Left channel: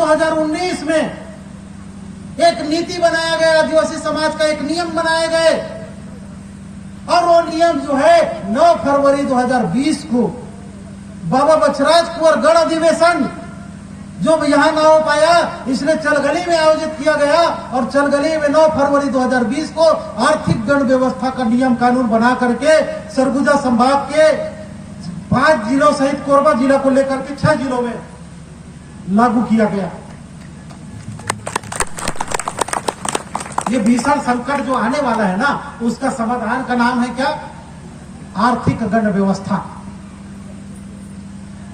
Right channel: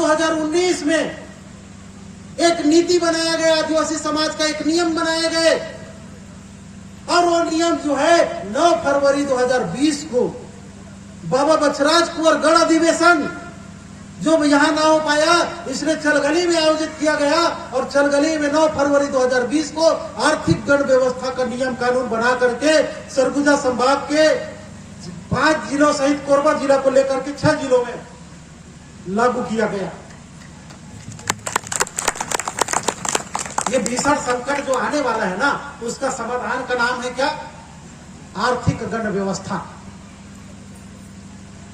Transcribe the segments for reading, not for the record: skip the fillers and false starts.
2019 में एक नीति बनाया गया, आदिवासी समाज का एक नियम बनाए गए, और वो नियम जो है 9 फरवरी 2020 को बाबा बछराज कुंवर गढ़ अधिवेशन जो यहाँ ना हो पाया, इसलिए चलगली में आयोजित किया गया, और चलगली में 9 फरवरी 2020 को आर्थिक गण व्यवस्था का नियम कानून बना करके सरगुजा संभाग के 5 जिलों सहित कोरबा जिला को लेकर के 6 जिलों में लागू किया गया। ये भीषण संकट जो आने वाला है ना, उसका समाधान का नाम है क्या? आर्थिक गण व्यवस्था।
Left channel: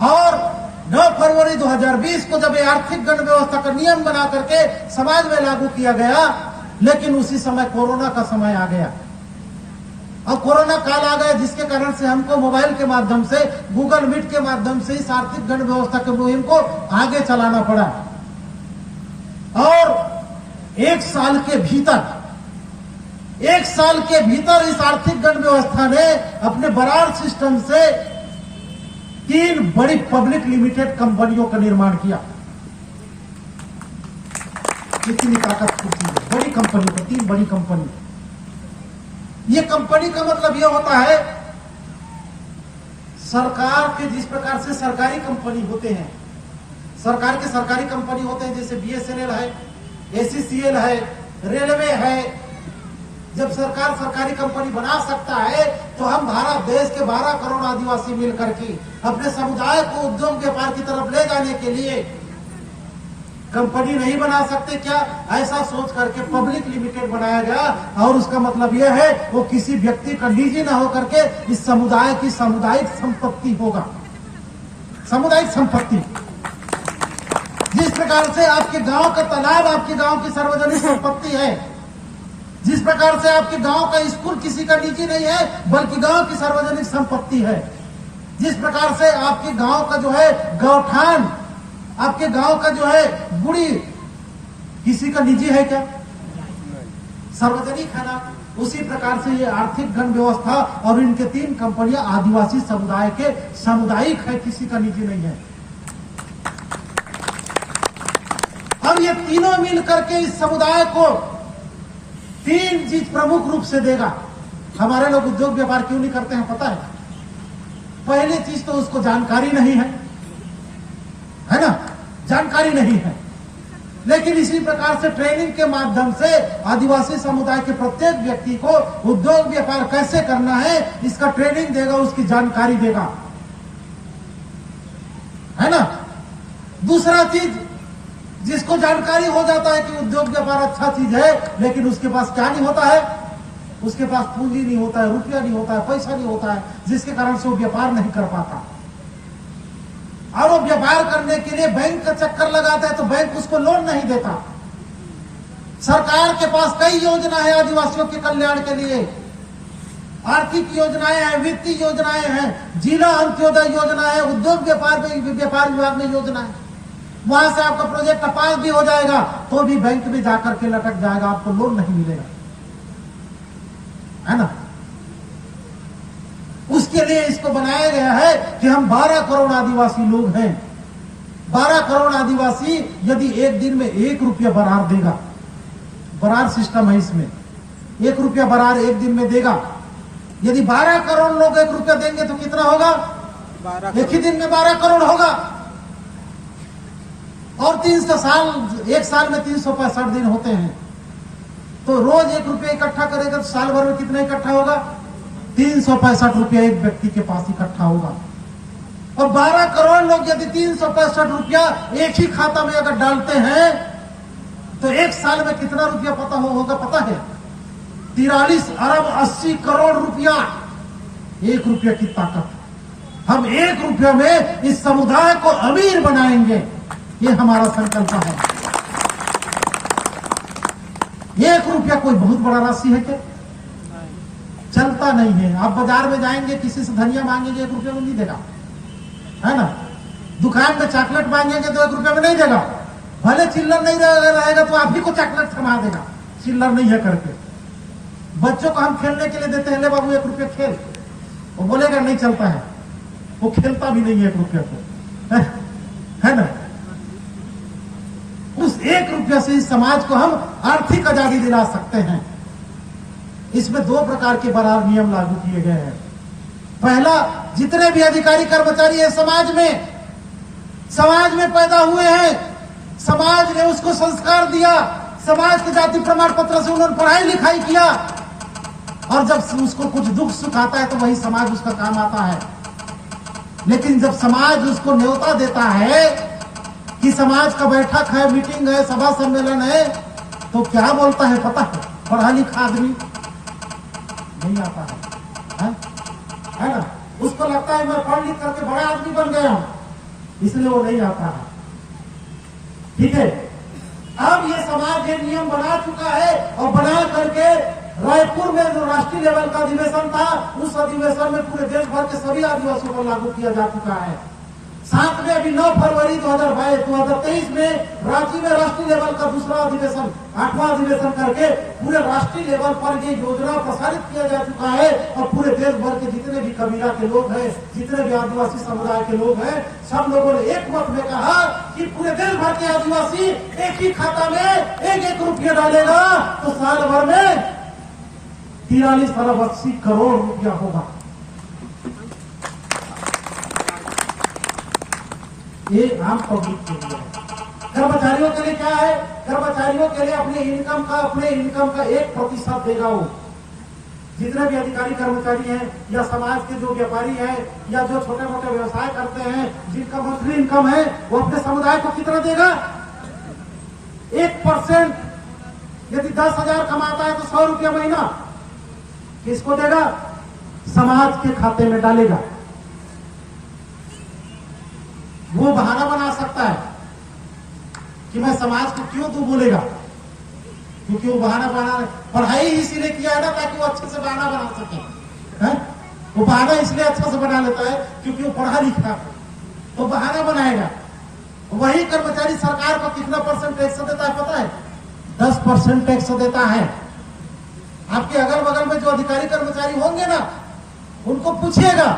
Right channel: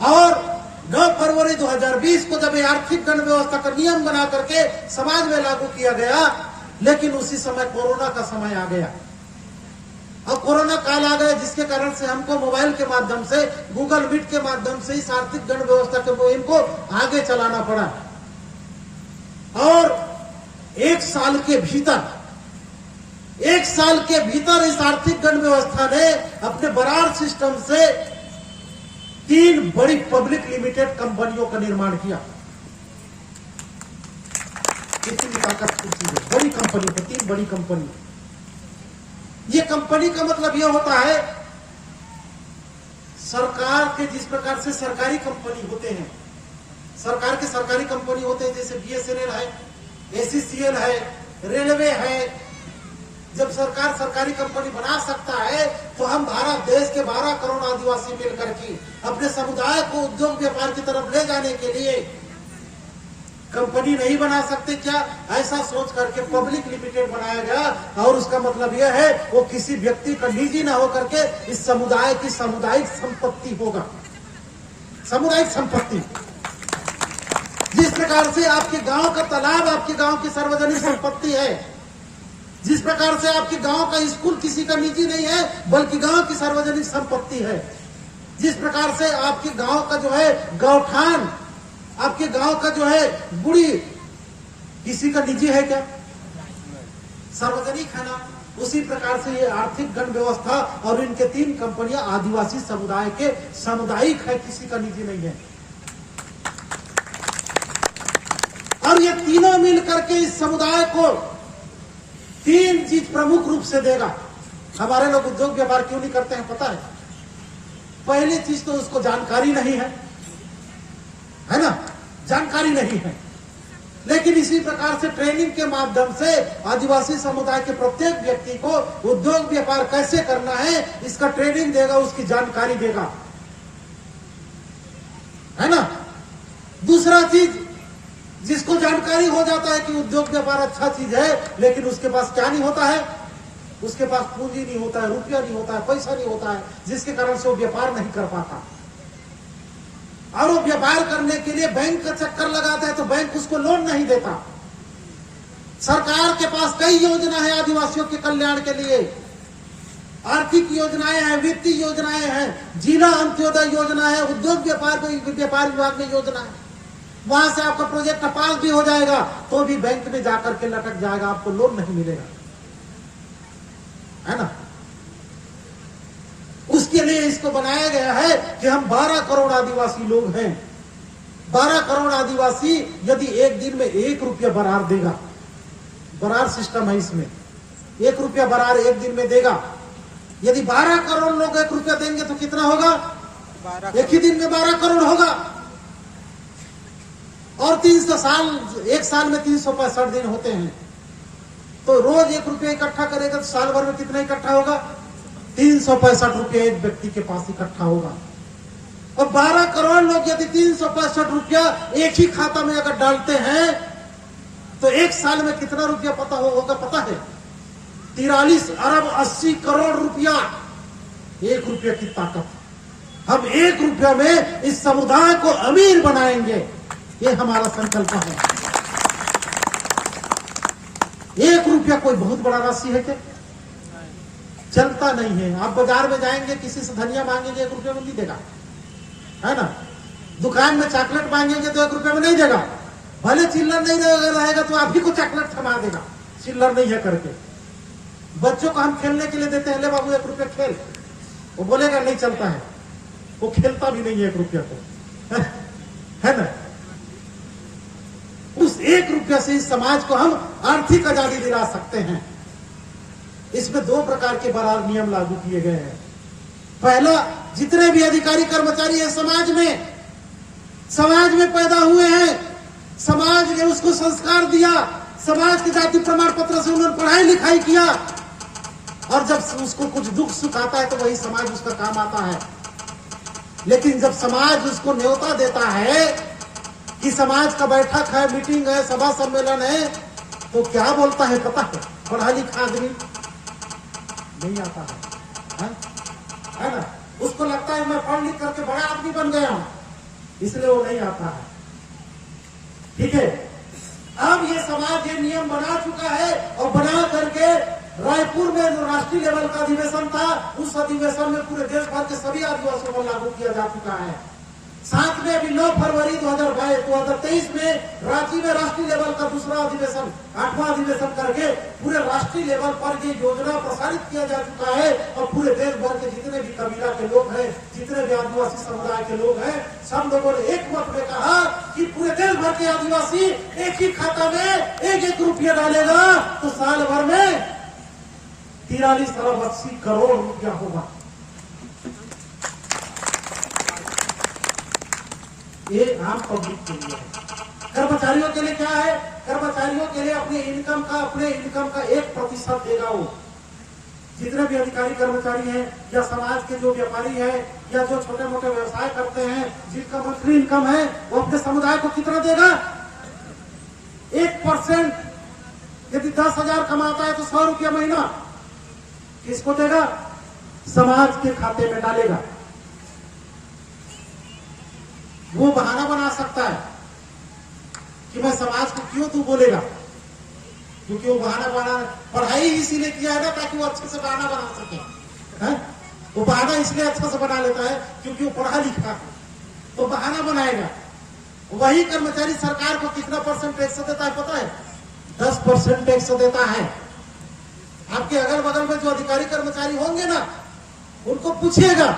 और 9 फरवरी 2020 को जब ये आर्थिक गण व्यवस्था का नियम बना करके समाज में लागू किया गया, लेकिन उसी समय कोरोना का समय आ गया, और कोरोना काल आ गया, जिसके कारण से हमको मोबाइल के माध्यम से, गूगल मीट के माध्यम से इस आर्थिक गण व्यवस्था के मुहिम को आगे चलाना पड़ा। और एक साल के भीतर इस आर्थिक गण व्यवस्था ने अपने बरार सिस्टम से 3 बड़ी पब्लिक लिमिटेड कंपनियों का निर्माण किया। इतनी ताकतवर चीज है, बड़ी कंपनी को, 3 बड़ी कंपनी। ये कंपनी का मतलब यह होता है, सरकार के जिस प्रकार से सरकारी कंपनी होते हैं, सरकार के सरकारी कंपनी होते हैं, जैसे BSNL है, ACCL है, रेलवे है। जब सरकार सरकारी कंपनी बना सकता है, तो हम भारत देश के 12 करोड़ आदिवासी मिलकर के अपने समुदाय को उद्योग व्यापार की तरफ ले जाने के लिए कंपनी नहीं बना सकते क्या? ऐसा सोच करके पब्लिक लिमिटेड बनाया गया, और उसका मतलब यह है वो किसी व्यक्ति का निजी न होकर के इस समुदाय की सामुदायिक संपत्ति होगा। सामुदायिक संपत्ति, जिस प्रकार से आपके गांव का तालाब आपके गांव की सार्वजनिक संपत्ति है, जिस प्रकार से आपके गांव का स्कूल किसी का निजी नहीं है बल्कि गांव की सार्वजनिक संपत्ति है, जिस प्रकार से आपके गांव का जो है गौठान, आपके गांव का जो है गुड़ी किसी का निजी है क्या? सार्वजनिक है ना। उसी प्रकार से ये आर्थिक गण व्यवस्था और इनके 3 कंपनियां आदिवासी समुदाय के सामुदायिक है, किसी का निजी नहीं है। और ये तीनों मिलकर के इस समुदाय को 3 चीज प्रमुख रूप से देगा। हमारे लोग उद्योग व्यापार क्यों नहीं करते हैं पता है? पहली चीज तो उसको जानकारी नहीं है ना, जानकारी नहीं है। लेकिन इसी प्रकार से ट्रेनिंग के माध्यम से आदिवासी समुदाय के प्रत्येक व्यक्ति को उद्योग व्यापार कैसे करना है इसका ट्रेनिंग देगा, उसकी जानकारी देगा, है ना। दूसरा चीज, जिसको जानकारी हो जाता है कि उद्योग व्यापार अच्छा चीज है, लेकिन उसके पास क्या नहीं होता है? उसके पास पूंजी नहीं होता है, रुपया नहीं होता है, पैसा नहीं होता है, जिसके कारण से वो व्यापार नहीं कर पाता। और वो व्यापार करने के लिए बैंक का चक्कर लगाता है तो बैंक उसको लोन नहीं देता। सरकार के पास कई योजना है आदिवासियों के कल्याण के लिए, आर्थिक योजनाएं हैं, वित्तीय योजनाएं हैं, जिला अंत्योदय योजना है, उद्योग व्यापार विभाग में योजना है। वहां से आपका प्रोजेक्ट पास भी हो जाएगा तो भी बैंक में जाकर के लटक जाएगा, आपको लोन नहीं मिलेगा, है ना। उसके लिए इसको बनाया गया है कि हम 12 करोड़ आदिवासी लोग हैं। 12 करोड़ आदिवासी यदि एक दिन में 1 रुपया बरार देगा, बरार सिस्टम है इसमें, 1 रुपया बरार एक दिन में देगा। यदि 12 करोड़ लोग 1 रुपया देंगे तो कितना होगा? एक ही दिन में 12 करोड़ होगा। और 300 साल, एक साल में 365 दिन होते हैं, तो रोज 1 रुपया इकट्ठा करेगा तो साल भर में कितना इकट्ठा होगा? 365 रुपया एक व्यक्ति के पास इकट्ठा होगा। और 12 करोड़ लोग यदि 365 रुपया एक ही खाता में अगर डालते हैं तो एक साल में कितना रुपया होगा पता है? 43 अरब 80 करोड़ रुपया। 1 रुपया की ताकत। हम 1 रुपया में इस समुदाय को अमीर बनाएंगे, ये हमारा संकल्प है। 1 रुपया कोई बहुत बड़ा राशि है क्या? चलता नहीं है। आप बाजार में जाएंगे, किसी से धनिया मांगेंगे 1 रुपया में नहीं देगा, है ना। दुकान में चॉकलेट मांगेंगे तो 1 रुपया में नहीं देगा। भले चिल्लर नहीं रहेगा तो आप ही को चॉकलेट थमा देगा, चिल्लर नहीं है करके। बच्चों को हम खेलने के लिए देते हैं, ले बाबू 1 रुपया खेल, वो बोलेगा नहीं चलता है, वो खेलता भी नहीं है 1 रुपया को, है ना। 1 रुपया से इस समाज को हम आर्थिक आजादी दिला सकते हैं। इसमें 2 प्रकार के बराबर नियम लागू किए गए हैं। पहला, जितने भी अधिकारी कर्मचारी हैं समाज में पैदा हुए हैं, समाज ने उसको संस्कार दिया, समाज के जाति प्रमाण पत्र से उन्होंने पढ़ाई लिखाई किया, और जब उसको कुछ दुख सुख आता है तो वही समाज उसका काम आता है। लेकिन जब समाज उसको न्योता देता है कि समाज का बैठक है, मीटिंग है, सभा सम्मेलन है, तो क्या बोलता है पता है? पढ़ा लिखा आदमी नहीं आता है ना? उसको लगता है मैं पढ़ लिख करके बड़ा आदमी बन गया हूं, इसलिए वो नहीं आता है। ठीक है, अब ये समाज ये नियम बना चुका है, और बना करके रायपुर में जो राष्ट्रीय लेवल का अधिवेशन था, उस अधिवेशन में पूरे देश भर के सभी आदिवासियों को लागू किया जा चुका है। साथ में अभी 9 फरवरी 2023 में रांची में राष्ट्रीय लेवल का दूसरा अधिवेशन, 8वां अधिवेशन करके पूरे राष्ट्रीय लेवल पर ये योजना प्रसारित किया जा चुका है, और पूरे देश भर के जितने भी कबीला के लोग हैं, जितने भी आदिवासी समुदाय के लोग हैं, सब लोगों ने एक मत में कहा कि पूरे देश भर के आदिवासी एक ही खाता में 1-1 रुपया डालेगा तो साल भर में 43 अरब 80 करोड़ रुपया होगा। ये आम पब्लिक के लिए है। कर्मचारियों के लिए क्या है? कर्मचारियों के लिए अपने इनकम का 1% देगा वो। जितने भी अधिकारी कर्मचारी हैं, या समाज के जो व्यापारी हैं, या जो छोटे मोटे व्यवसाय करते हैं, जिनका मंथली इनकम है, वो अपने समुदाय को कितना देगा? 1%। यदि 10,000 कमाता है तो 100 रुपया महीना किसको देगा? समाज के खाते में डालेगा। वो बहाना बना सकता है कि मैं समाज को क्यों तू बोलेगा, क्योंकि वो बहाना पढ़ाई इसीलिए किया है ना, ताकि वो अच्छे से बहाना बना सके। है? वो बहाना इसलिए अच्छा से बना लेता है क्योंकि वो पढ़ा लिखा है, वो बहाना बनाएगा। वही कर्मचारी सरकार को कितना % टैक्स देता है पता है? 10% टैक्स देता है। आपके अगल बगल में जो अधिकारी कर्मचारी होंगे ना, उनको पूछिएगा,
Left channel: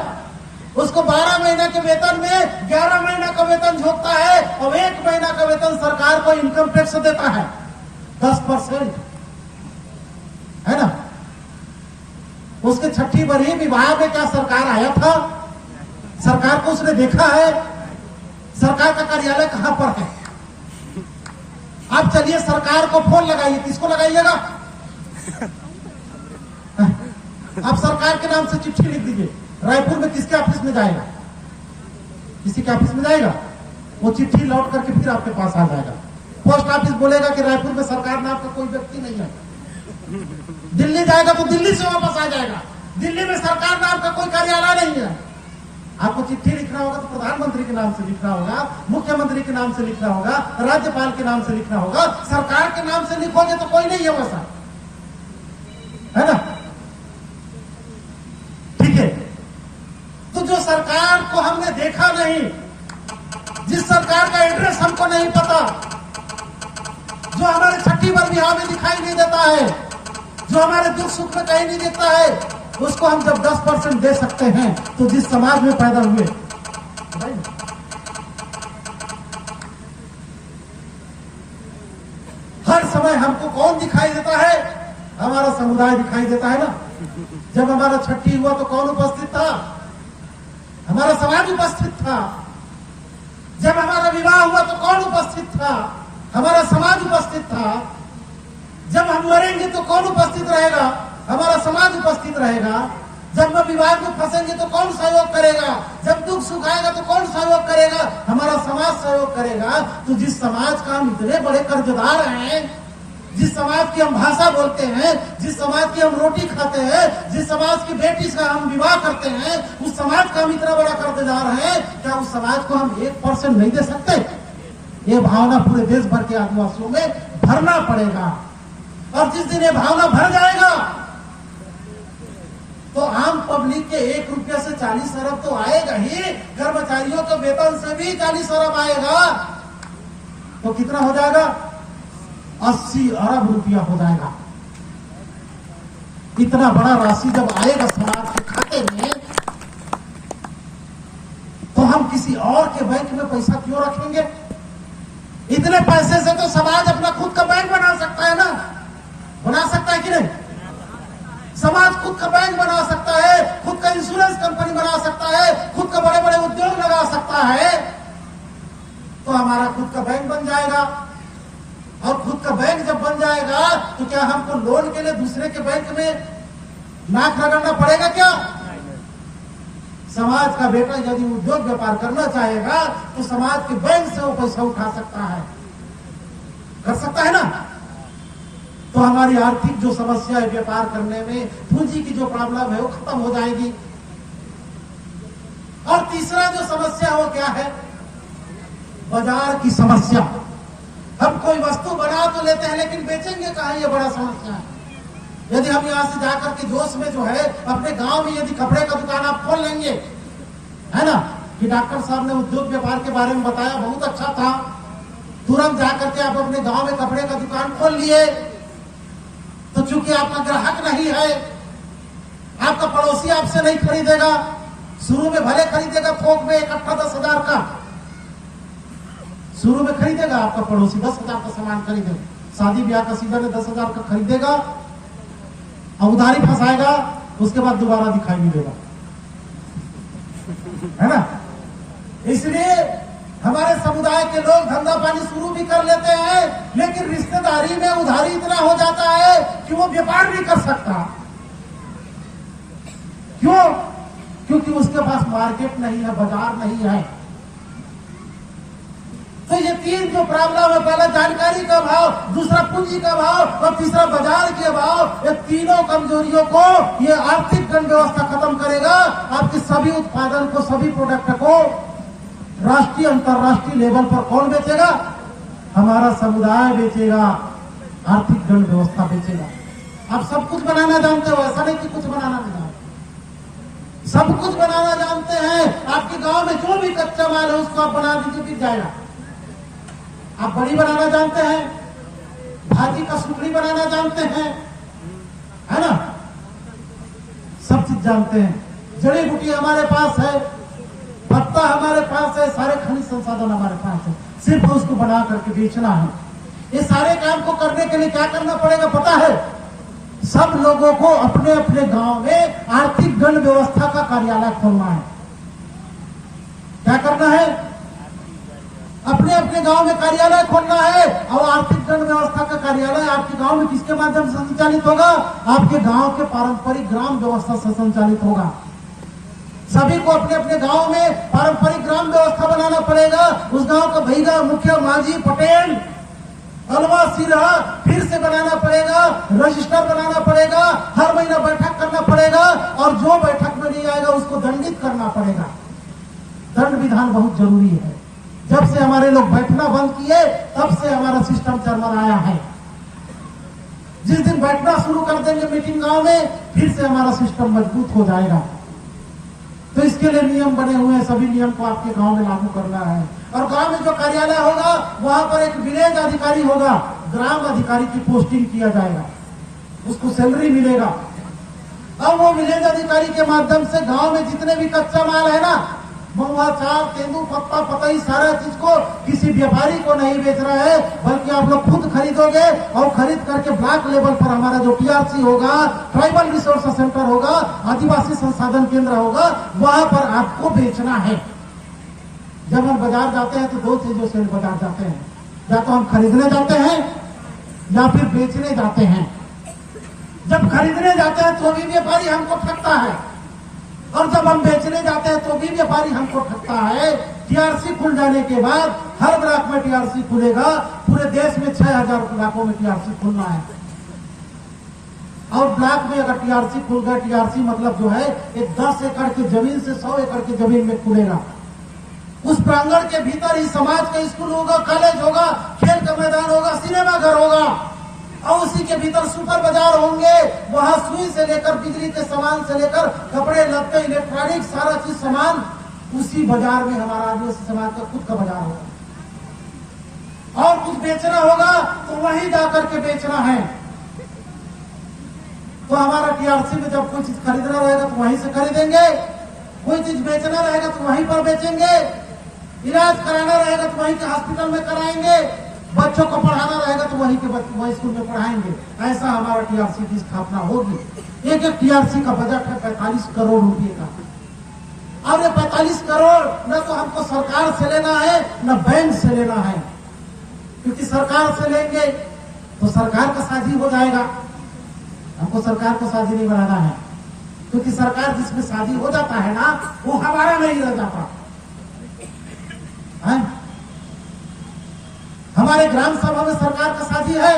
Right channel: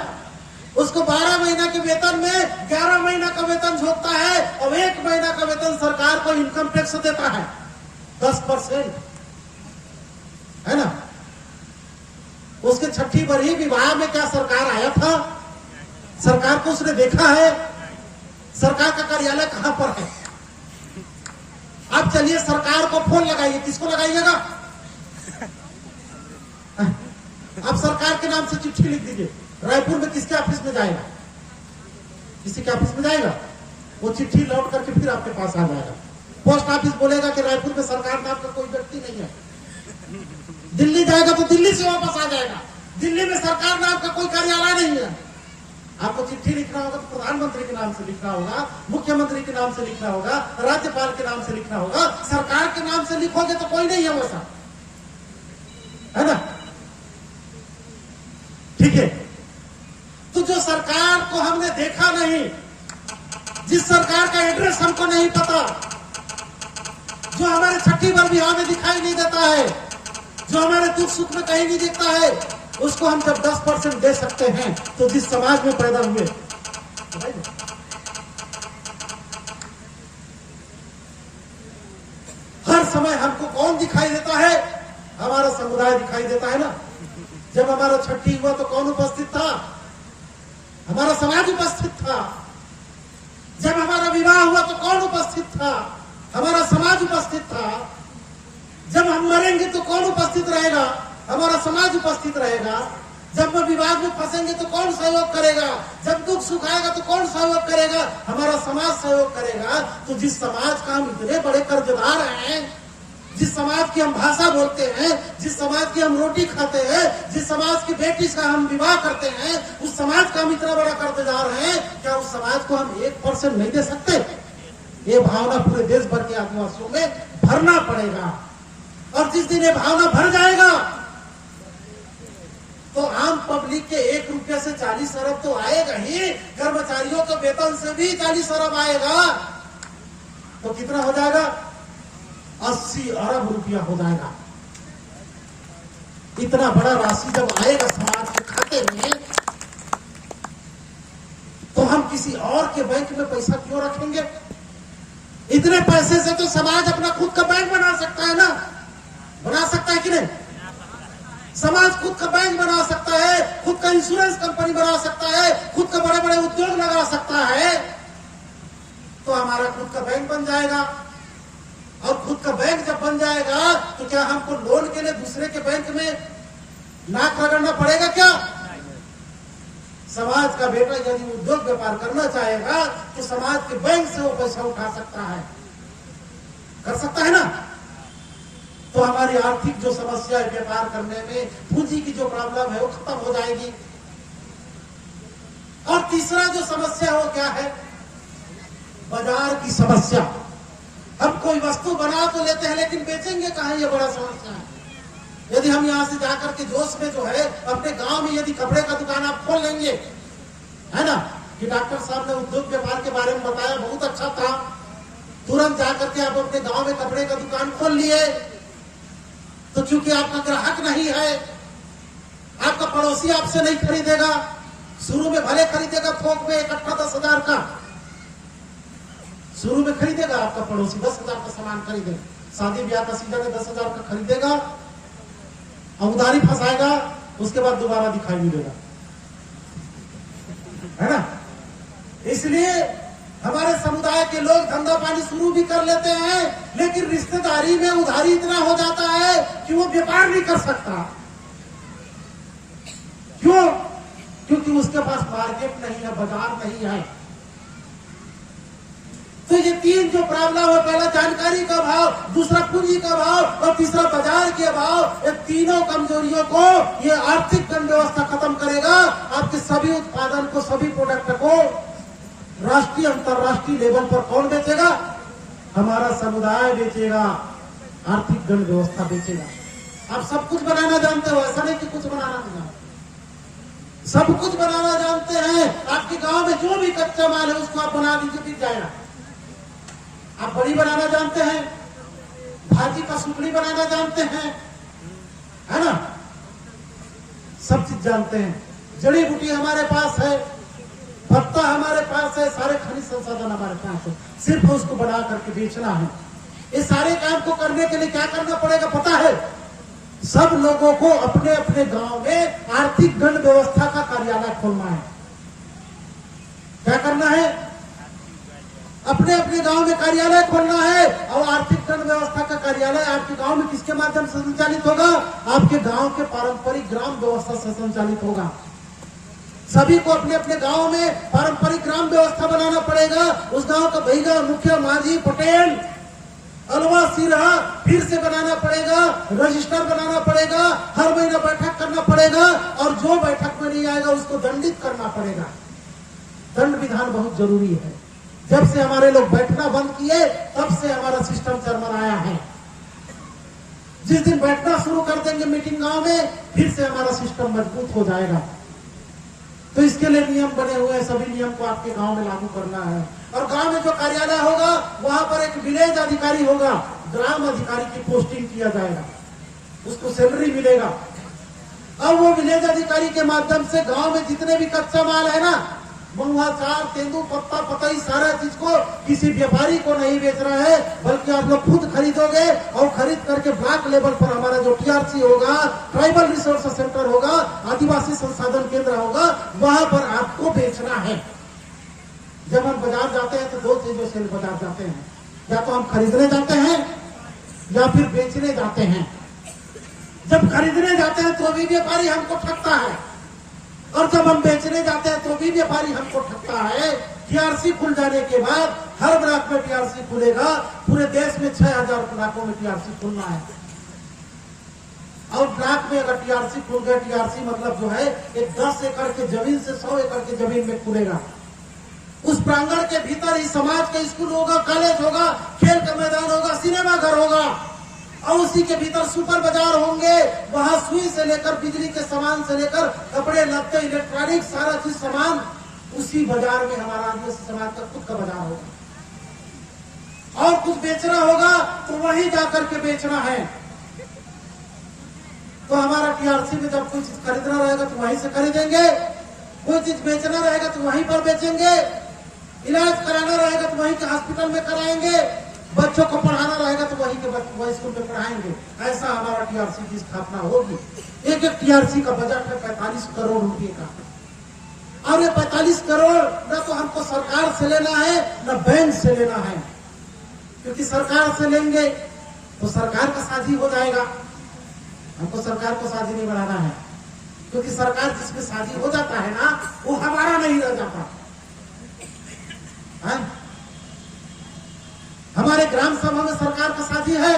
उसको 12 महीना के वेतन में 11 महीना का वेतन झोंकता है, और 1 महीना का वेतन सरकार को इनकम टैक्स देता है 10%, है ना? उसके छठी बरही विवाह में क्या सरकार आया था? सरकार को उसने देखा है? सरकार का कार्यालय कहां पर है? आप चलिए सरकार को फोन लगाइए, किसको लगाइएगा? आप सरकार के नाम से चिट्ठी लिख दीजिए, रायपुर में किसके ऑफिस में जाएगा? किसी के ऑफिस में जाएगा, वो चिट्ठी लौट करके फिर आपके पास आ जाएगा। पोस्ट ऑफिस बोलेगा कि रायपुर में सरकार नाम का कोई व्यक्ति नहीं है। दिल्ली जाएगा तो दिल्ली से वापस आ जाएगा, दिल्ली में सरकार नाम का कोई कार्यालय नहीं है। आपको चिट्ठी लिखना होगा तो प्रधानमंत्री के नाम से लिखना होगा, मुख्यमंत्री के नाम से लिखना होगा, राज्यपाल के नाम से लिखना होगा। सरकार के नाम से लिखोगे तो कोई नहीं है वैसा, है ना? ठीक है, तो जो सरकार को हमने देखा नहीं, जिस सरकार का एड्रेस हमको नहीं पता, जो हमारे छठी बार बिहार में दिखाई नहीं देता है, जो हमारे दुख सुख में कहीं नहीं दिखता है, उसको हम जब 10% दे सकते हैं, तो जिस समाज में पैदा हुए, हर समय हमको कौन दिखाई देता है? हमारा समुदाय दिखाई देता है ना। जब हमारा छठी हुआ तो कौन उपस्थित था? हमारा समाज उपस्थित था। जब हमारा विवाह हुआ तो कौन उपस्थित था? हमारा समाज उपस्थित था। जब हम मरेंगे तो कौन उपस्थित रहेगा? हमारा समाज उपस्थित रहेगा। जब हम विवाद में फंसेंगे तो कौन सहयोग करेगा? जब दुख सुख आएगा तो कौन सहयोग करेगा? हमारा समाज सहयोग करेगा। तो जिस समाज का हम इतने बड़े कर्जदार हैं, जिस समाज की हम भाषा बोलते हैं, जिस समाज की हम रोटी खाते हैं, जिस समाज की बेटी से हम विवाह करते हैं, उस समाज का हम इतना बड़ा कर्जदार हैं, क्या उस समाज को हम 1% नहीं दे सकते? ये भावना पूरे देश भर के आदिवासियों में भरना पड़ेगा। और जिस दिन ये भावना भर जाएगा तो आम पब्लिक के 1 रुपया से 40 अरब तो आएगा ही, कर्मचारियों के वेतन से भी 40 अरब आएगा, तो कितना हो जाएगा? 80 अरब रुपया हो जाएगा। इतना बड़ा राशि जब आएगा समाज के खाते में, तो हम किसी और के बैंक में पैसा क्यों रखेंगे? इतने पैसे से तो समाज अपना खुद का बैंक बना सकता है ना, बना सकता है कि नहीं? समाज खुद का बैंक बना सकता है, खुद का इंश्योरेंस कंपनी बना सकता है, खुद का बड़े बड़े उद्योग लगा सकता है। तो हमारा खुद का बैंक बन जाएगा, और खुद का बैंक जब बन जाएगा तो क्या हमको लोन के लिए दूसरे के बैंक में नाक रगड़ना पड़ेगा क्या? समाज का बेटा यदि उद्योग व्यापार करना चाहेगा तो समाज के बैंक से वो पैसा उठा सकता है, कर सकता है ना। तो हमारी आर्थिक जो समस्या है व्यापार करने में, पूंजी की जो प्रॉब्लम है वो खत्म हो जाएगी। और तीसरा जो समस्या है वो क्या है? बाजार की समस्या। हम कोई वस्तु बना तो लेते हैं लेकिन बेचेंगे कहां, ये बड़ा समस्या है। यदि हम यहां से जाकर के जोश में जो है अपने गांव में यदि कपड़े का दुकान आप खोल लेंगे, है ना, कि डॉक्टर साहब ने उद्योग व्यापार के बारे में बताया, बहुत अच्छा था, तुरंत जाकर के आप अपने गांव में कपड़े का दुकान खोल लिए, तो चूंकि आपका ग्राहक नहीं है, आपका पड़ोसी आपसे नहीं खरीदेगा। शुरू में भले खरीदेगा थोक में इकट्ठा 10,000 का, शुरू में खरीदेगा आपका पड़ोसी 10,000 का सामान खरीदेगा, शादी ब्याह का सीजन में 10,000 का खरीदेगा और उधारी फंसाएगा, उसके बाद दोबारा दिखाई नहीं देगा, है ना। इसलिए हमारे समुदाय के लोग धंधा पानी शुरू भी कर लेते हैं, लेकिन रिश्तेदारी में उधारी इतना हो जाता है कि वो व्यापार नहीं कर सकता। क्यों? क्योंकि उसके पास मार्केट नहीं है, बाजार नहीं है। तो ये तीन जो प्रॉब्लम है, पहला जानकारी का अभाव, दूसरा पूंजी का अभाव और तीसरा बाजार के अभाव, ये तीनों कमजोरियों को ये आर्थिक गण व्यवस्था खत्म करेगा। आपके सभी उत्पादन को, सभी प्रोडक्ट को राष्ट्रीय अंतर्राष्ट्रीय लेवल पर कौन बेचेगा? हमारा समुदाय बेचेगा, आर्थिक गण व्यवस्था बेचेगा। आप सब कुछ बनाना जानते हो, ऐसा नहीं कि कुछ बनाना नहीं, सब कुछ बनाना जानते हैं। आपके गांव में जो भी कच्चा माल है उसको आप बना दीजिए, बिक जाएगा। आप बड़ी बनाना जानते हैं, भाजी का सुपड़ी बनाना जानते हैं, है ना, सब चीज जानते हैं। जड़ी बूटी हमारे पास है, पत्ता हमारे पास है, सारे खनिज संसाधन हमारे पास है, सिर्फ उसको बना करके बेचना है। ये सारे काम को करने के लिए क्या करना पड़ेगा पता है? सब लोगों को अपने अपने गांव में आर्थिक गण व्यवस्था का कार्यालय खोलना है। क्या करना है? अपने अपने गांव में कार्यालय खोलना है। और आर्थिक गण व्यवस्था का कार्यालय आपके गांव में किसके माध्यम से संचालित होगा? आपके गांव के पारंपरिक ग्राम व्यवस्था से संचालित होगा। सभी को अपने अपने गांव में पारंपरिक ग्राम व्यवस्था बनाना पड़ेगा। उस गांव का भैया, मुखिया, माझी, पटेल, अलवा, सिरहा फिर से बनाना पड़ेगा, रजिस्टर बनाना पड़ेगा, हर महीना बैठक करना पड़ेगा, और जो बैठक में नहीं आएगा उसको दंडित करना पड़ेगा। दंड विधान बहुत जरूरी है। जब से हमारे लोग बैठना बंद किए तब से हमारा सिस्टम चरमराया है। जिस दिन बैठना शुरू कर देंगे मीटिंग गांव में, फिर से हमारा सिस्टम मजबूत हो जाएगा। तो इसके लिए नियम बने हुए हैं, सभी नियम को आपके गांव में लागू करना है। और गांव में जो कार्यालय होगा वहां पर एक विलेज अधिकारी होगा, ग्राम अधिकारी की पोस्टिंग किया जाएगा, उसको सैलरी मिलेगा। और वो विलेज अधिकारी के माध्यम से गांव में जितने भी कच्चा माल है ना, महुआ, चार, तेंदू पत्ता, पतई, सारा चीज को किसी व्यापारी को नहीं बेच रहा है, बल्कि आप लोग खुद खरीदोगे और खरीद करके ब्लॉक लेवल पर हमारा जो टीआरसी होगा, ट्राइबल रिसोर्स सेंटर होगा, आदिवासी संसाधन केंद्र होगा, वहां पर आपको बेचना है। जब हम बाजार जाते हैं तो दो चीजों से बाजार जाते हैं, या तो हम खरीदने जाते हैं या फिर बेचने जाते हैं। जब खरीदने जाते हैं तो भी व्यापारी हमको ठगता है, और जब हम बेचने जाते हैं तो भी व्यापारी हमको ठगता है। टीआरसी खुल जाने के बाद हर ब्लॉक में टीआरसी खुलेगा, पूरे देश में 6,000 ब्लॉकों में टीआरसी खुलना है। और ब्लॉक में अगर टीआरसी खुल गया, टीआरसी मतलब जो है एक 10 एकड़ की जमीन से 100 एकड़ की जमीन में खुलेगा। उस प्रांगण के भीतर ही समाज का स्कूल होगा, कॉलेज होगा, खेल का मैदान होगा, सिनेमा घर होगा, और उसी के भीतर सुपर बाजार होंगे। वहां सुई से लेकर बिजली के सामान से लेकर कपड़े, लत्ते, इलेक्ट्रॉनिक, सारा चीज सामान उसी बाजार में हमारा आदिवासी समाज का खुद का बाजार होगा। और कुछ बेचना होगा तो वहीं जाकर के बेचना है। तो हमारा टीआरसी में जब कोई चीज खरीदना रहेगा तो वहीं से खरीदेंगे, कोई चीज बेचना रहेगा तो वहीं पर बेचेंगे। इलाज कराना रहेगा तो वहीं के हॉस्पिटल में कराएंगे, बच्चों को पढ़ाना रहेगा तो वहीं के वही स्कूल में पढ़ाएंगे। ऐसा हमारा टीआरसी की स्थापना होगी। एक एक टीआरसी का बजट है 45 करोड़ रुपए का, और ये 45 करोड़ न तो हमको सरकार से लेना है न बैंक से लेना है, क्योंकि सरकार से लेंगे तो सरकार का साझी हो जाएगा। हमको सरकार को साझी नहीं बनाना है, क्योंकि सरकार जिसमें साझी हो जाता है ना वो हमारा नहीं रह जाता है। हमारे ग्राम सभा में सरकार का साझी है,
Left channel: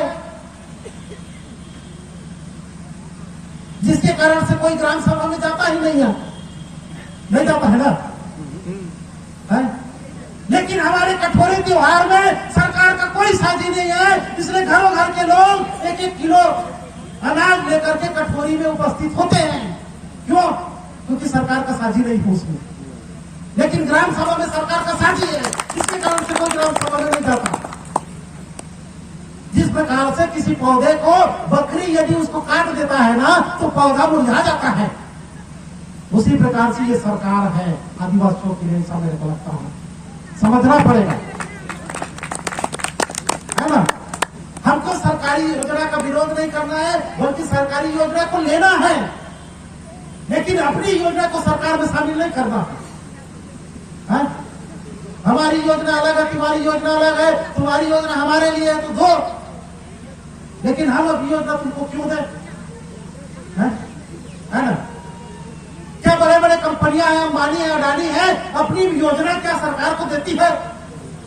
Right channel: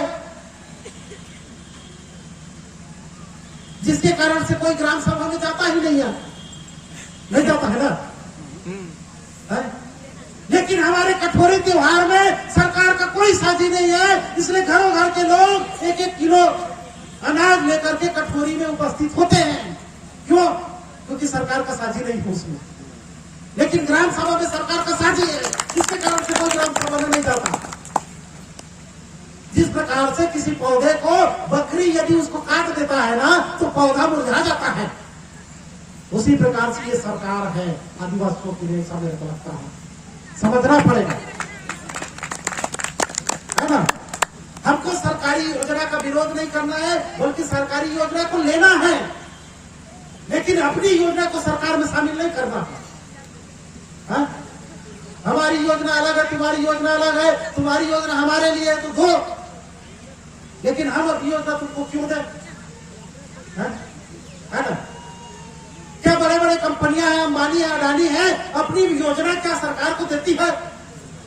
जिसके कारण से कोई ग्राम सभा में जाता ही नहीं है, नहीं जाता है ना है? लेकिन हमारे कठोरी त्योहार में सरकार का कोई साझी नहीं है, इसलिए घरों घर के लोग एक एक किलो अनाज लेकर के कठोरी में उपस्थित होते हैं। क्यों? क्योंकि सरकार का साझी नहीं है उसमें। लेकिन ग्राम सभा में सरकार का साझी है, इसके कारण से कोई ग्राम सभा में नहीं जाता। जिस प्रकार से किसी पौधे को बकरी यदि उसको काट देता है ना तो पौधा मुरझा जाता है, उसी प्रकार से ये सरकार है आदिवासियों के लिए। मेरे को लगता है समझना पड़ेगा, है ना। हमको सरकारी योजना का विरोध नहीं करना है, बल्कि सरकारी योजना को लेना है, लेकिन अपनी योजना को सरकार में शामिल नहीं करना है। हमारी योजना अलग है, तुम्हारी योजना अलग है, तुम्हारी योजना हमारे लिए है तो दो, लेकिन हम अपनी योजना तुमको क्यों दें, है ना। क्या बड़े बड़े कंपनियां हैं, अंबानी है, अडानी है, अपनी योजना क्या सरकार को देती है?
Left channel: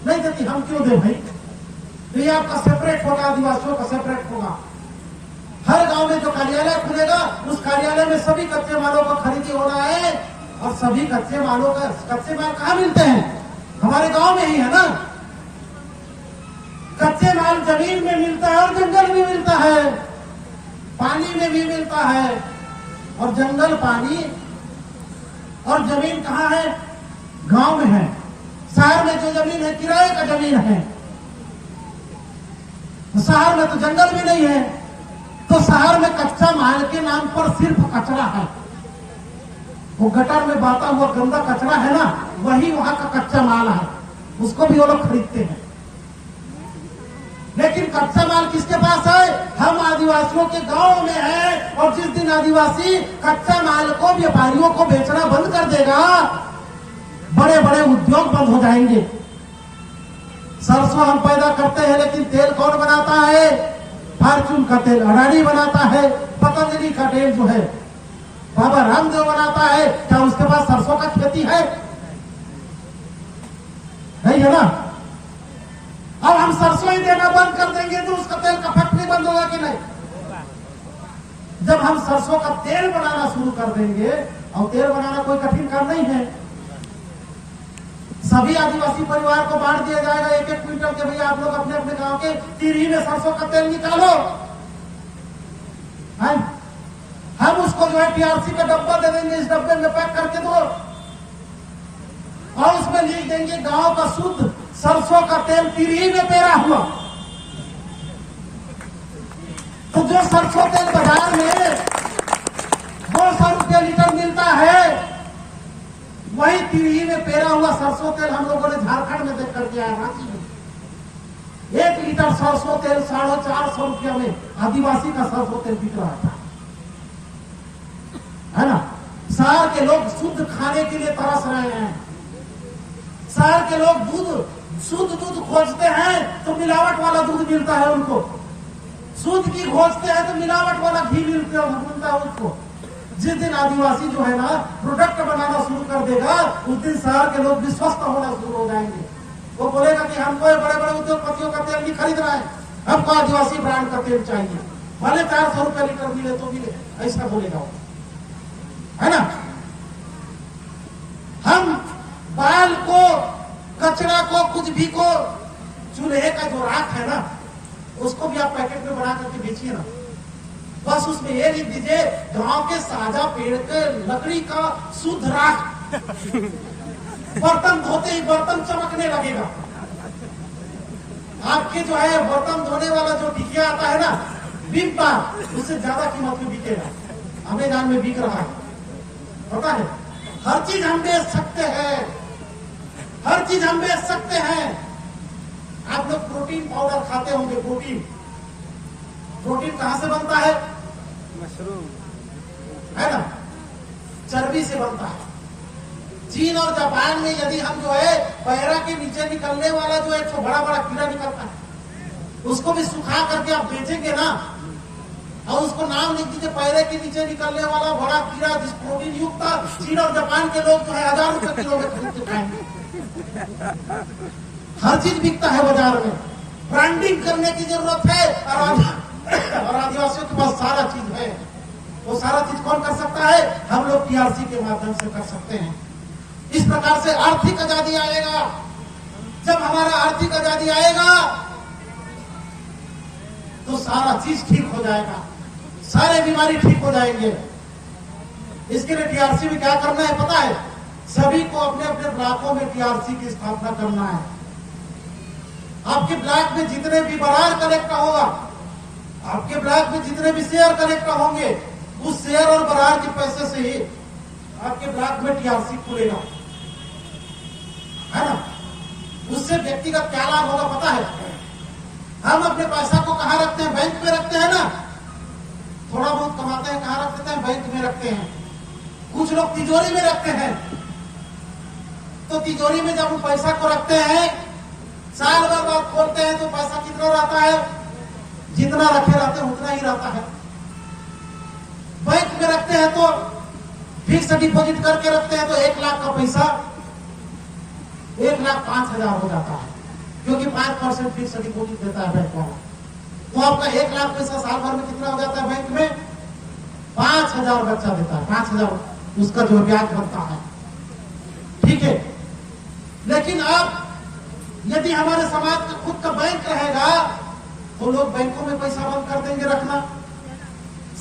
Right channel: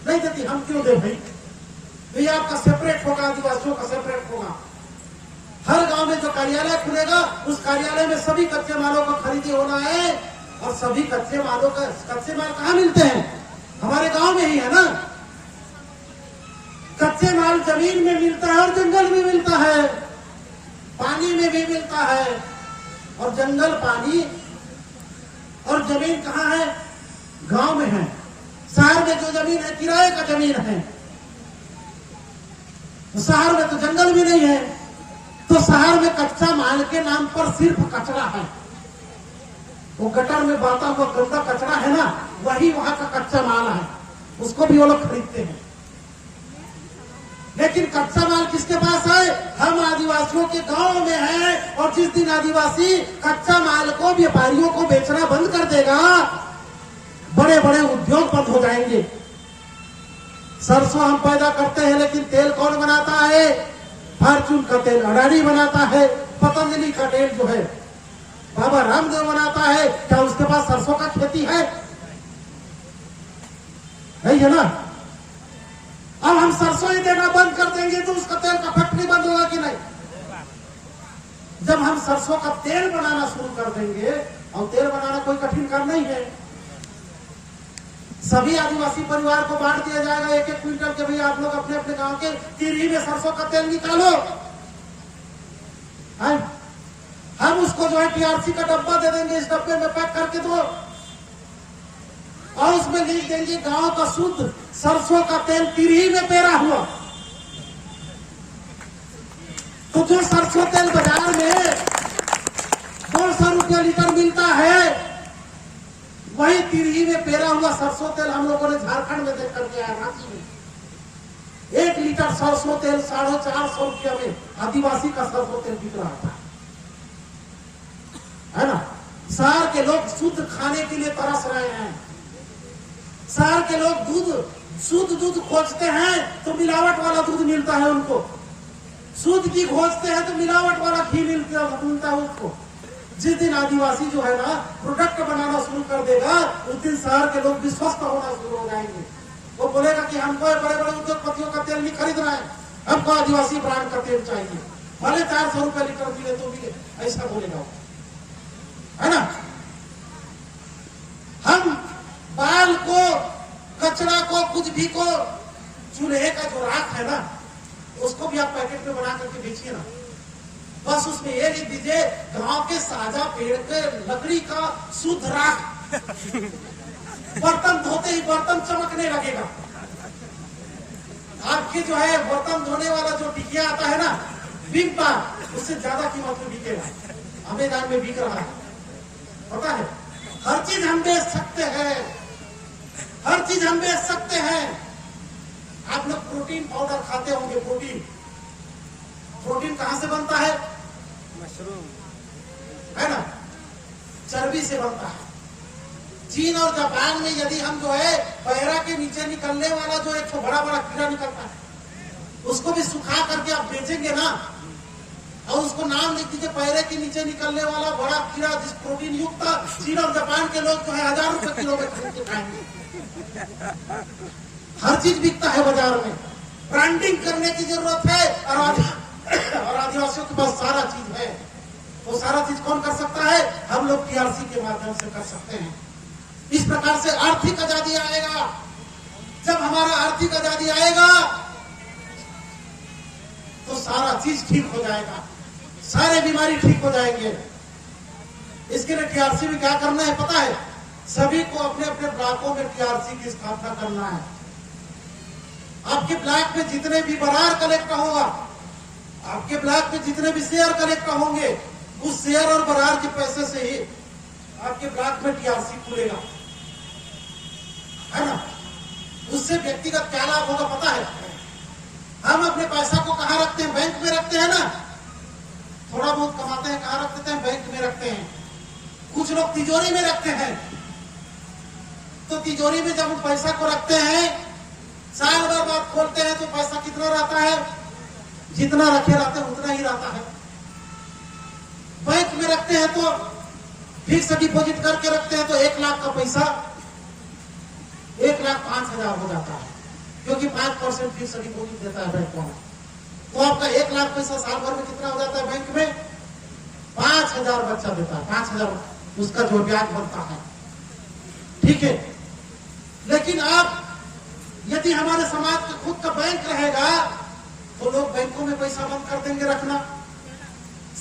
नहीं देती। हम क्यों दे भाई? तो ये आपका सेपरेट होगा, आदिवासियों का सेपरेट होगा। हर गांव में जो कार्यालय खुलेगा उस कार्यालय में सभी कच्चे मालों का खरीदी होना है, और सभी कच्चे माल कहाँ मिलते हैं? हमारे गांव में ही है ना। कच्चे माल जमीन में मिलता है और जंगल में मिलता है, पानी में भी मिलता है। और जंगल, पानी और जमीन कहाँ है? गांव में है। शहर में जो जमीन है किराए का जमीन है, शहर में तो जंगल भी नहीं है। तो शहर में कच्चा माल के नाम पर सिर्फ कचरा है, वो गटर में बहता हुआ गंदा कचरा है ना, वही वहां का कच्चा माल है, उसको भी वो लोग खरीदते हैं। लेकिन कच्चा माल किसके पास है? हम आदिवासियों के गांव में है। और जिस दिन आदिवासी कच्चा माल को व्यापारियों को बेचना बंद कर देगा, बड़े बड़े उद्योग बंद हो जाएंगे। सरसों हम पैदा करते हैं, लेकिन तेल कौन बनाता है? फॉर्चून का तेल अडानी बनाता है। पतंजलि का तेल जो है बाबा रामदेव बनाता है। क्या उसके पास सरसों का खेती है? नहीं है ना। अब हम सरसों ही देना बंद कर देंगे तो उसका तेल का फैक्ट्री बंद होगा कि नहीं? जब हम सरसों का तेल बनाना शुरू कर देंगे, और तेल बनाना कोई कठिन काम नहीं है, सभी आदिवासी परिवार को बांट दिया जाएगा 1-1 क्विंटल के। भैया आप लोग अपने अपने गांव के तिरही में सरसों का तेल निकालो। हम उसको जो है टीआरसी का डब्बा दे देंगे, इस डब्बे में पैक करके दो, और उसमें लिख देंगे गांव का शुद्ध सरसों का तेल तिरही में पेरा हुआ। तो जो सरसों तेल बाजार में 200 रुपये लीटर मिलता है, वही तिरही में पेरा हुआ सरसों तेल हम लोगों ने झारखंड में देख करके आया। रांची में 1 लीटर सरसों तेल 450 रुपये में आदिवासी का सरसों तेल बिक रहा था, है ना। शहर के लोग शुद्ध खाने के लिए तरस रहे हैं। शहर के लोग शुद्ध दूध खोजते हैं तो मिलावट वाला दूध मिलता है उनको, शुद्ध घी खोजते हैं तो मिलावट वाला घी मिलता है उसको। जिस दिन आदिवासी जो है ना प्रोडक्ट बनाना शुरू कर देगा, उस दिन शहर के लोग भी स्वस्थ होना शुरू हो जाएंगे। वो बोलेगा कि हमको बड़े बड़े उद्योगपतियों का तेल नहीं खरीदना है, हमको आदिवासी ब्रांड का तेल चाहिए, भले 400 रुपये लीटर मिले तो मिले, ऐसा बोलेगा वो, है ना। हम बाल को, कचरा को, कुछ भी को, चूल्हे का जो राख है ना, उसको भी आप पैकेट में बना करके बेचिए ना। बस उसमें ये लिख दीजिए गांव के साजा पेड़ के लकड़ी का शुद्ध राख। बर्तन धोते ही बर्तन चमकने लगेगा। आपके जो है बर्तन धोने वाला जो टिकिया आता है ना, बिग बार, उससे ज्यादा कीमत में बिकेगा। अमेज़न में बिक रहा है, पता है। हर चीज हम बेच सकते हैं, हर चीज हम बेच सकते हैं। आप लोग प्रोटीन पाउडर खाते होंगे। प्रोटीन कहां से बनता है? मशरूम है ना, चर्बी से बनता है। चीन और जापान में यदि हम जो है पैरा के नीचे निकलने वाला जो एक बड़ा बड़ा कीड़ा निकलता है, उसको भी सुखा करके आप बेचेंगे ना, और उसको नाम लिख दीजिए पैरे के नीचे निकलने वाला बड़ा कीड़ा जिस प्रोटीन युक्त था। चीन और जापान के लोग जो है 1000 रुपए किलो में खरीद के खाएंगे। हर चीज बिकता है बाजार में। ब्रांडिंग करने की जरूरत है, और आदिवासियों के पास सारा चीज है। वो सारा चीज कौन कर सकता है? हम लोग टीआरसी के माध्यम से कर सकते हैं। इस प्रकार से आर्थिक आजादी आएगा। जब हमारा आर्थिक आजादी आएगा तो सारा चीज ठीक हो जाएगा, सारे बीमारी ठीक हो जाएंगे। इसके लिए टीआरसी में क्या करना है पता है? सभी को अपने अपने ब्लॉकों में टीआरसी की स्थापना करना है। आपके ब्लॉक में जितने भी बरार कलेक्टर होगा, आपके ब्लॉक में जितने भी शेयर कलेक्टर होंगे, उस शेयर और बरार के पैसे से ही आपके ब्लॉक में टीआरसी खुलेगा, है ना। उससे व्यक्तिगत क्या लाभ होगा पता है? हम अपने पैसा को कहां रखते हैं? बैंक में रखते हैं ना। थोड़ा बहुत कमाते हैं, कहां रखते हैं? बैंक में रखते हैं। कुछ लोग तिजोरी में रखते हैं। तो तिजोरी में जब हम पैसा को रखते हैं, साल भर बाद खोलते हैं तो पैसा कितना रहता है? जितना रखे रहते हैं उतना ही रहता है। बैंक में रखते हैं तो फिक्स डिपॉजिट करके रखते हैं तो 1 लाख का पैसा 1,05,000 हो जाता है, क्योंकि 5% फिक्स डिपॉजिट देता है बैंक वाला। तो आपका 1 लाख पैसा साल भर में कितना हो जाता है? बैंक में 5,000 बच्चा देता है, 5,000 उसका जो ब्याज बनता है। ठीक है, लेकिन अब यदि हमारे समाज का खुद का बैंक रहेगा तो लोग बैंकों में पैसा बंद कर देंगे रखना,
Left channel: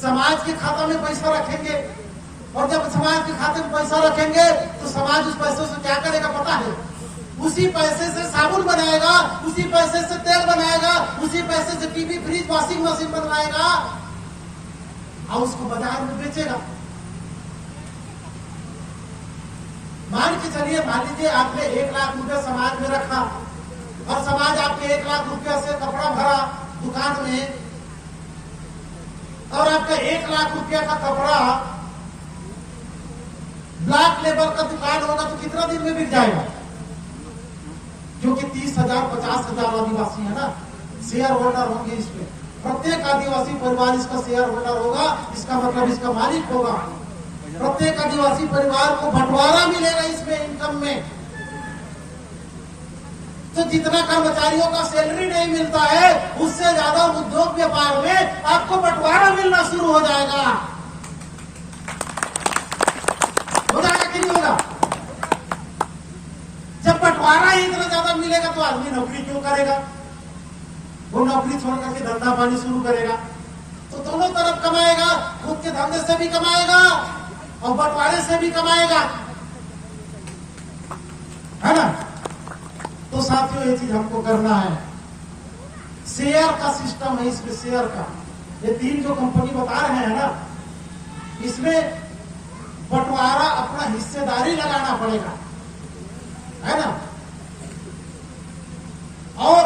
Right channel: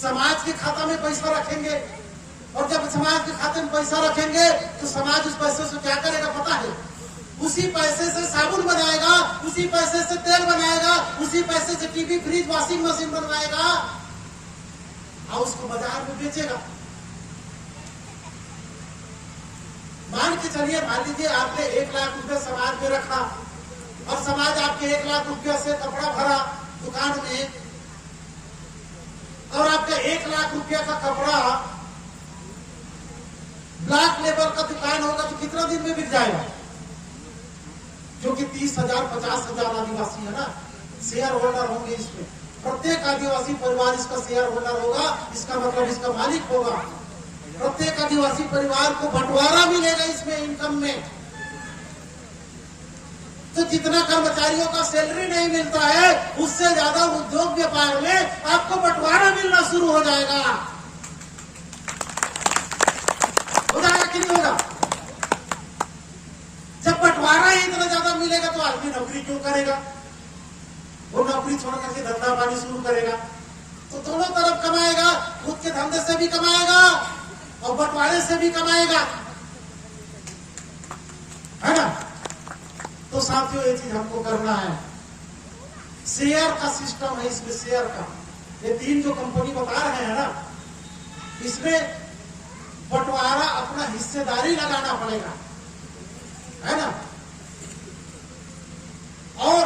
समाज के खाता में पैसा रखेंगे। और जब समाज के खाते में पैसा रखेंगे तो समाज उस पैसे से क्या करेगा पता है? उसी पैसे से साबुन बनाएगा, उसी पैसे से तेल बनाएगा, उसी पैसे से टीवी, फ्रिज, वॉशिंग मशीन बनवाएगा और उसको बाजार में बेचेगा। मान के चलिए, मान लीजिए आपने 1 लाख रुपया समाज में रखा और समाज आपके 1 लाख रुपया से कपड़ा भरा दुकान में, और आपका 1 लाख रुपया का कपड़ा ब्लॉक लेवल का दुकान होगा तो कितना दिन में बिक जाएगा? जो कि 30,000 50,000 आदिवासी है ना, शेयर होल्डर होंगे। इसमें प्रत्येक आदिवासी परिवार इसका शेयर होल्डर होगा, इसका मतलब इसका मालिक होगा। प्रत्येक आदिवासी परिवार को बंटवारा मिलेगा इसमें, इनकम में। तो जितना कर्मचारियों का सैलरी नहीं मिलता है, उससे ज्यादा उद्योग व्यापार में आपको बंटवारा मिलना शुरू हो जाएगा। हो जाएगा कि नहीं होगा? जब बंटवारा ही इतना ज्यादा मिलेगा तो आदमी नौकरी क्यों करेगा? वो नौकरी छोड़ करके धंधा पानी शुरू करेगा। तो दोनों तरफ कमाएगा, खुद के धंधे से भी कमाएगा और बंटवारे से भी कमाएगा, है ना। तो साथियों, ये चीज हमको करना है। शेयर का सिस्टम है इसमें, शेयर का। ये 3 जो कंपनी बता रहे हैं ना, इसमें बंटवारा अपना हिस्सेदारी लगाना पड़ेगा, है ना। और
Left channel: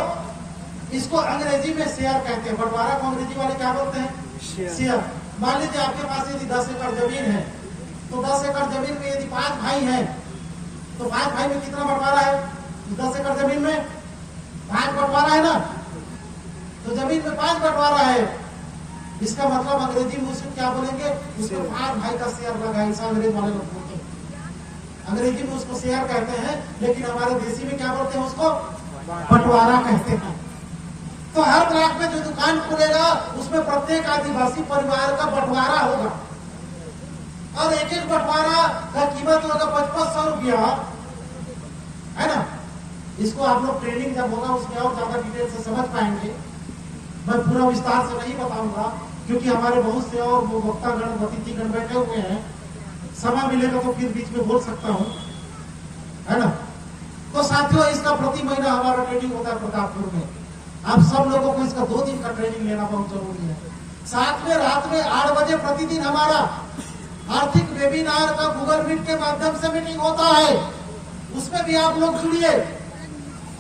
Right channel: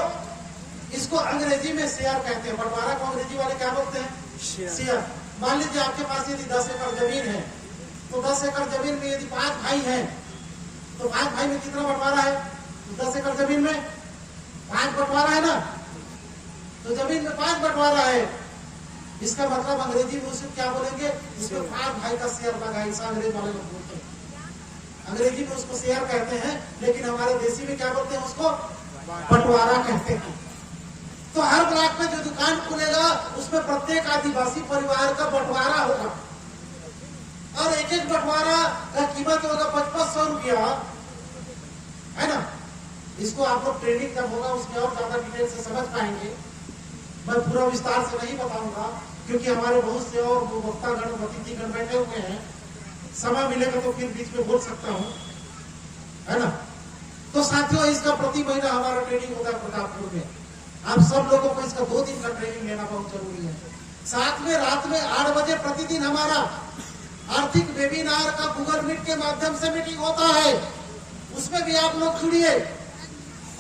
इसको अंग्रेजी में शेयर कहते हैं। बंटवारा को अंग्रेजी वाले क्या बोलते हैं? शेयर। मान लीजिए आपके पास यदि 10 एकड़ जमीन है, तो 10 एकड़ जमीन में यदि 5 भाई हैं, तो 5 भाई में कितना बंटवारा है? 10 एकड़ जमीन में 5 बंटवारा है ना। तो जमीन में 5 बंटवारा है, इसका मतलब अंग्रेजी में उसको क्या बोलेंगे? इसमें 5 भाई का शेयर लगा है। ऐसा अंग्रेज वाले लोग बोलते हैं। अंग्रेजी में उसको शेयर कहते हैं, लेकिन हमारे देसी में क्या बोलते हैं? उसको बंटवारा कहते हैं। तो हर ब्लॉक में जो दुकान खुलेगा उसमें प्रत्येक आदिवासी परिवार का बंटवारा होगा, और एक एक बंटवारा का कीमत होगा 5500 रुपया, है ना। इसको आप लोग ट्रेनिंग जब होगा उसमें और ज्यादा डिटेल से समझ पाएंगे। मैं पूरा विस्तार से नहीं बताऊंगा, क्योंकि हमारे बहुत से और वक्तागण, अतिथिगण बैठे हुए हैं। समय मिलेगा तो फिर बीच में बोल सकता हूँ, है ना। तो साथियों, इसका प्रति महीना हमारा ट्रेनिंग होता है प्रतापपुर में। आप सब लोगों को इसका 2 दिन का ट्रेनिंग लेना बहुत जरूरी है। साथ में रात में 8 बजे प्रतिदिन हमारा आर्थिक वेबिनार का गूगल मीट के माध्यम से मीटिंग होता है। उसमें भी आप लोग जुड़िए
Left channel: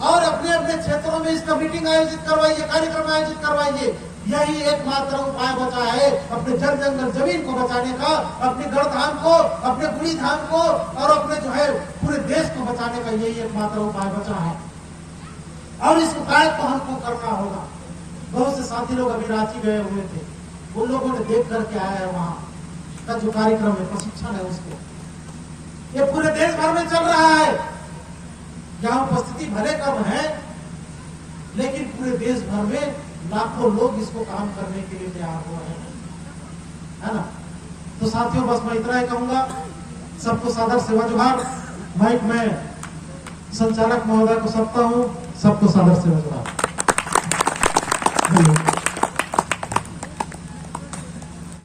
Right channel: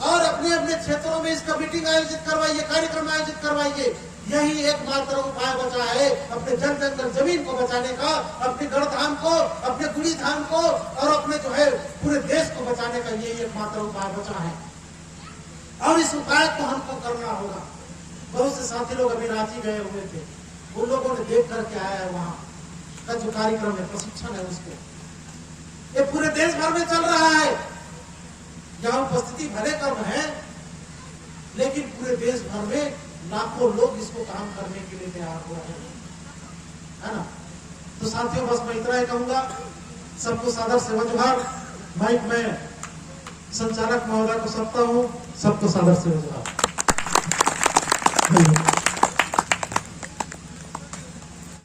और अपने अपने क्षेत्रों में इसका मीटिंग आयोजित करवाइए, कार्यक्रम आयोजित करवाइए। यही एकमात्र उपाय बचा है अपने जन जंगल जमीन को बचाने का, अपने गढ़धाम को, अपने गुड़ी धाम को और अपने जो है पूरे देश को बचाने का यही एकमात्र उपाय बचा है और इस उपाय को हमको करना होगा। बहुत से साथी लोग अभी रांची गए हुए थे, उन लोगों ने देख करके आया है वहां का जो कार्यक्रम है, प्रशिक्षण है उसके, ये पूरे देश भर में चल रहा है। जहां उपस्थिति भले कम है लेकिन पूरे देश भर में लाखों लोग इसको काम करने के लिए तैयार हुए हैं, है ना। तो साथियों बस मैं इतना ही कहूंगा, सबको सादर सेवा जोहार। माइक में संचालक महोदय को सौंपता हूं, सबको सादर सेवा जोहार।